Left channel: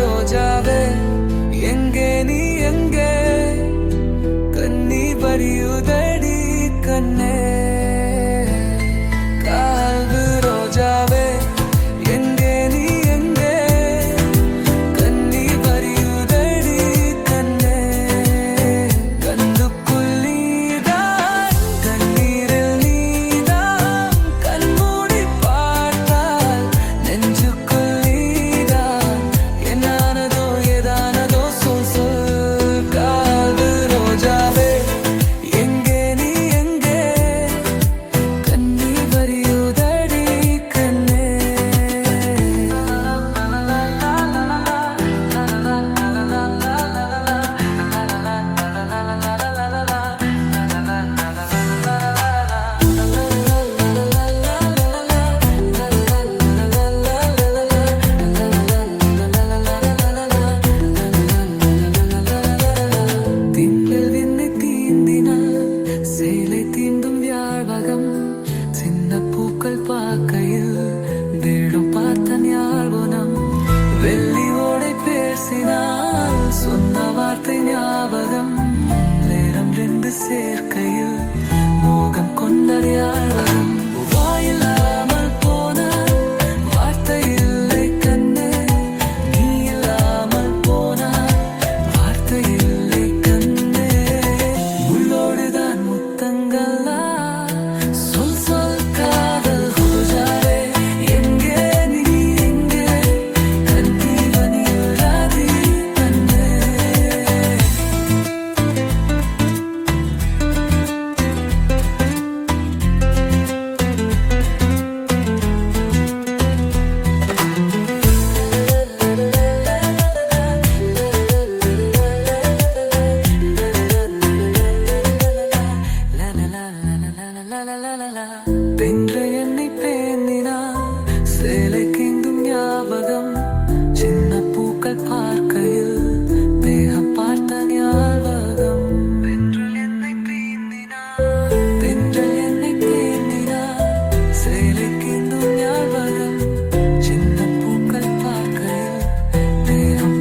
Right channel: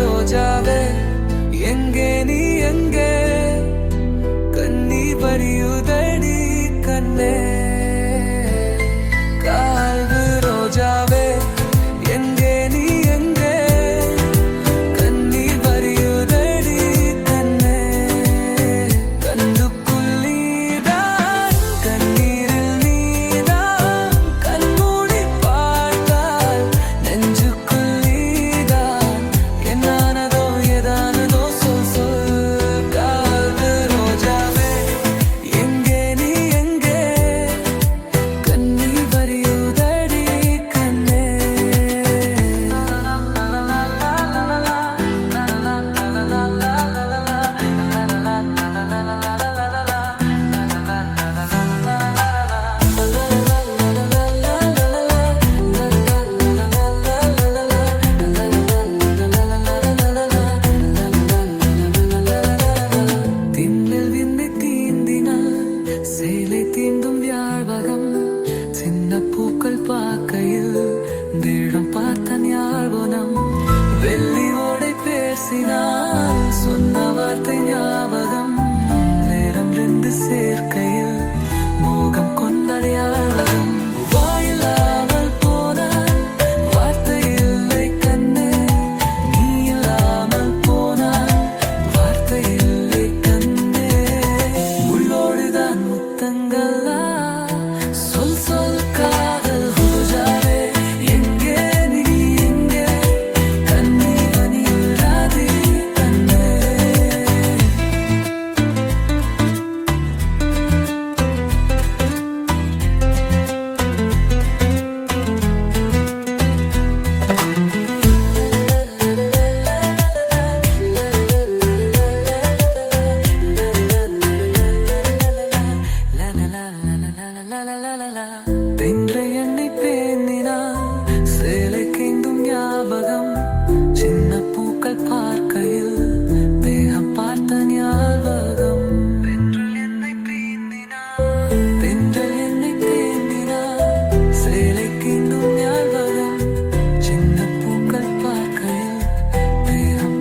ரோஜாவே எங்கே நீ எங்கே கண்ணீர் வரியுதடி கண்ணே கால்வு ரோஜாவே எங்கே நீ எங்கே கண்ணீர் வரியுதடி கண்ணே கண்ணுக்குள் நீதான் கண்ணீரில் நீதான் கண்மூடி பார்த்தால் நெஞ்சுக்குள் நீதான் என்னானதோ ஏதானதோ சொல் சொல் கால்வு ரோஜாவே எங்கே நீ எங்கே கண்ணீர் வரியுதடி கண்ணே திண்ணில் விண்ணை தீந்தினால் சேலை தீண்டும் வியாழ்வகம் சின்ன பூக்கள் பார்க்கையில் வேடம் பார்த்த ஞாபகம் வெள்ளி ஓடை பேசினால் சொன்ன வார்த்தை ஞாபகம் நேரம் ரெண்டு சேர்க்கையில் மோகம் கொண்ட ஞாபகம் வாயில்லாமல் போனால் வார்த்தை இல்லை கண்ணே நீ இல்லாமல் போனால் வார்த்தை இல்லை கண்ணே உள்ளோடுதான் முத்தங்களா சொல் சொல் காதல் ரோஜாவே எங்கே நீ எங்கே கண்ணீர் வனியுறாதி கண்ணே தென்ற என்னை பேணினான் சேலை கேந்தும் ஞாபகம் சின்ன பூக்கள் பார்க்கையில் தேகம் பார்த்த ஞாபகம் தென்றல் என்னை பேணினான் சேலை கேந்தும் ஞாபகம் சின்ன பூக்கள் பார்க்கையில் தேகம்